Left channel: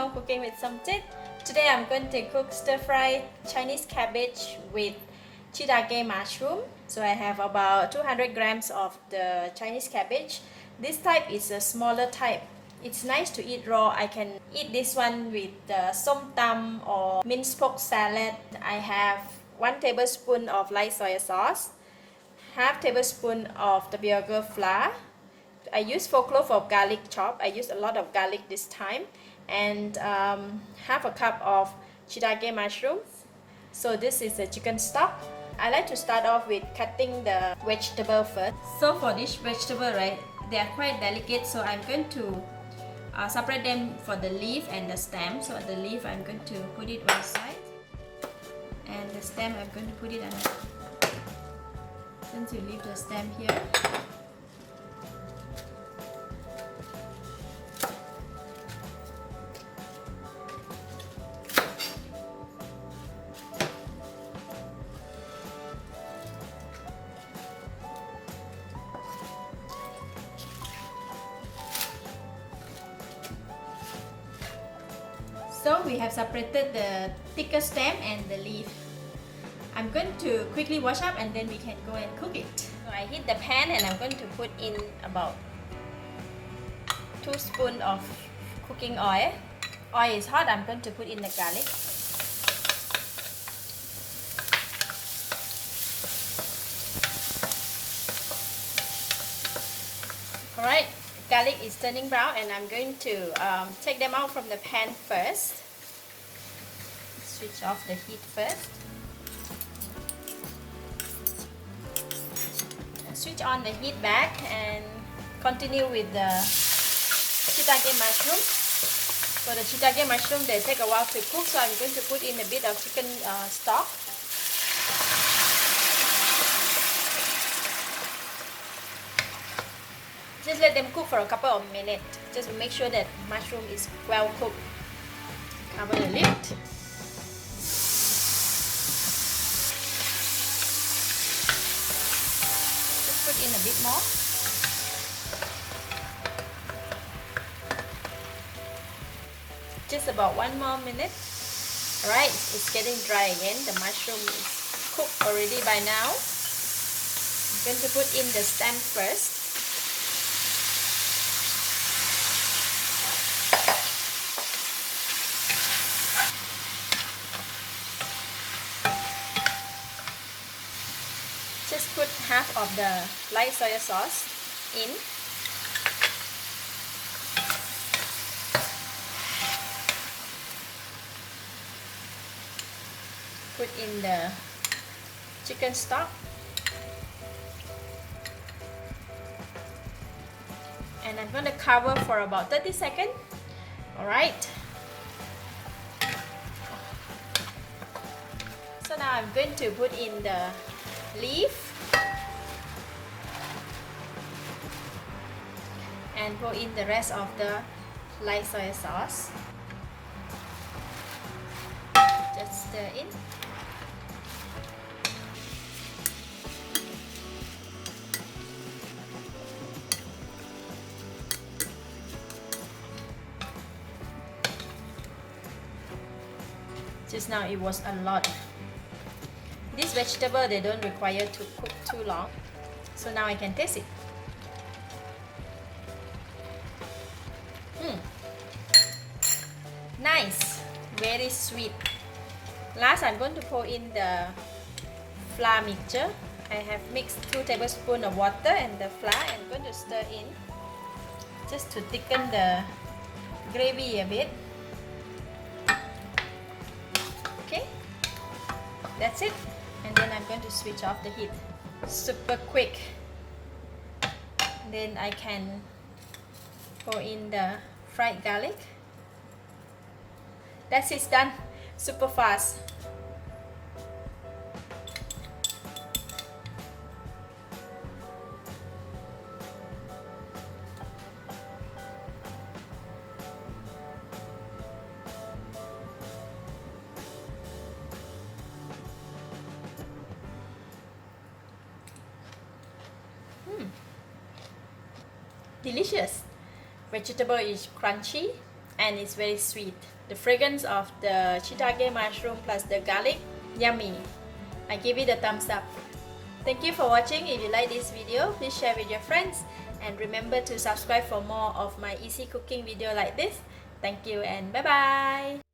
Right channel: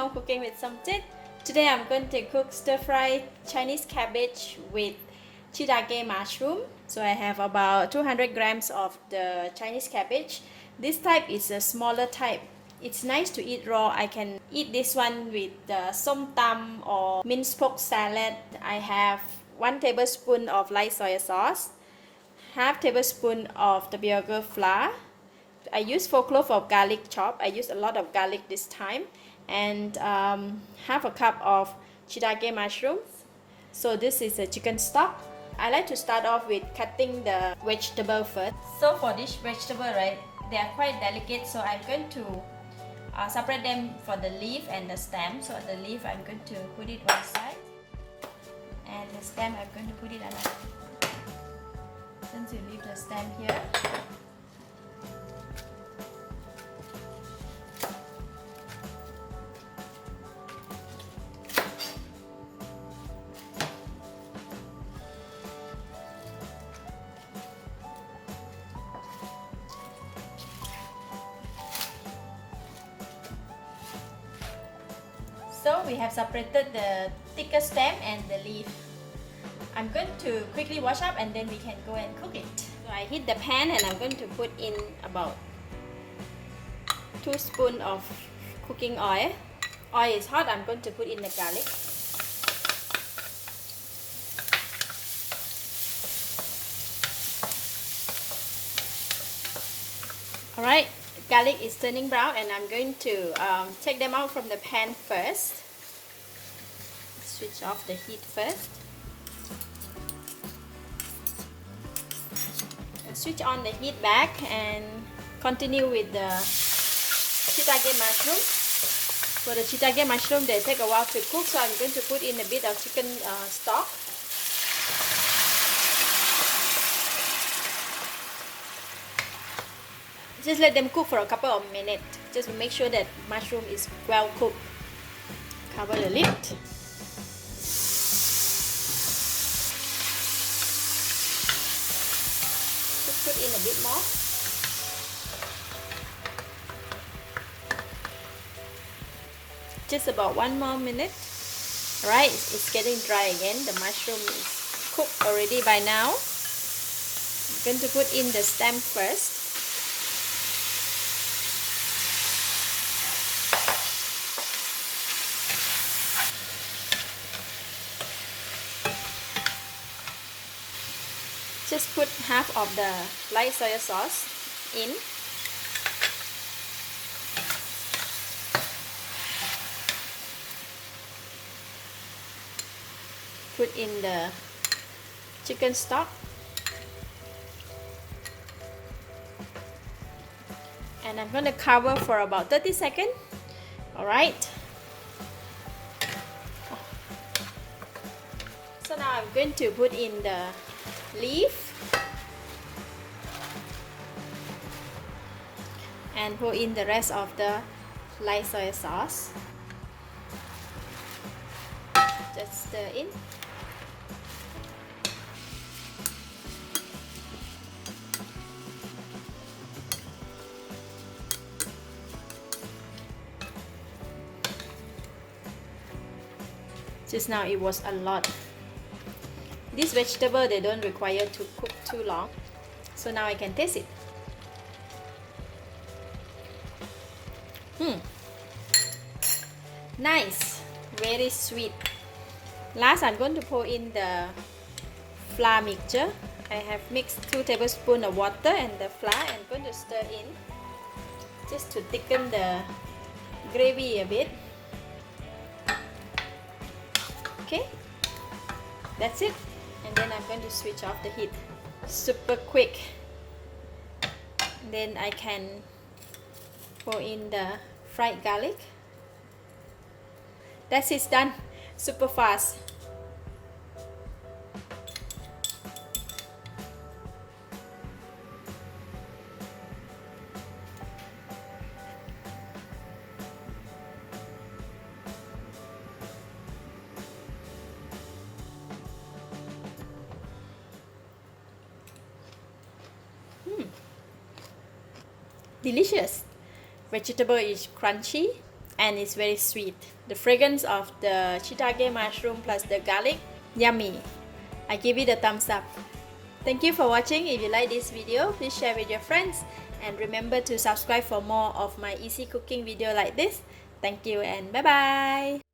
Home Cooking with Somjit. Today I'm going to cook stir-fry Chinese cabbage with shiitake mushroom. So I have about 200 grams of the Chinese cabbage. This type is a smaller type. It's nice to eat raw. I can eat this one with som tam or minced pork salad. I have 1 tablespoon of light soy sauce, half tablespoon of tapioca flour. I use 4 cloves of garlic chop. I use a lot of garlic this time, and half a cup of shiitake mushrooms. So this is a chicken stock. I like to start off with cutting the vegetable first. So for this vegetable, right, they are quite delicate, so I'm going to separate them for the leaf and the stem. So the leaf I'm going to put it one side, and the stem I'm going to put it another. Since you leave the stem here. So we have separated the thicker stem and the leaf. I'm going to quickly wash up and then we can go and cook it. So I heat the pan and I'm going to put in about 2 spoons of cooking oil. Oil is hot, I'm going to put in the garlic. Alright, garlic is turning brown and I'm going to take them out from the pan first. Switch off the heat first. Switch on the heat back and continue with the shiitake mushroom. So the shiitake mushroom, they take a while to cook, so I'm going to put in a bit of chicken stock. Just let them cook for a couple of minutes, just to make sure that mushroom is well cooked. Cover the lid. Just put in a bit more. Just about 1 more minute. Alright, it's getting dry again. The mushroom is cooked already by now. I'm going to put in the stem first. Just put half of the light soy sauce in. Put in the chicken stock. And I'm going to cover for about 30 seconds. Alright. So now I'm going to put in the leaf and pour in the rest of the light soy sauce. Just stir in. Just now it was a lot. This vegetable, they don't require to cook too long. So now I can taste it. Nice, very sweet. Last, I'm going to pour in the flour mixture. I have mixed 2 tablespoons of water and the flour, and I'm going to stir in just to thicken the gravy a bit. Okay, that's it. And then I'm going to switch off the heat. Super quick. Then I can pour in the fried garlic. That's it, done. Super fast. Delicious. Vegetable is crunchy and it's very sweet. The fragrance of the shiitake mushroom plus the garlic, yummy. I give it a thumbs up. Thank you for watching. If you like this video, please share with your friends and remember to subscribe for more of my easy cooking video like this. Thank you and bye bye.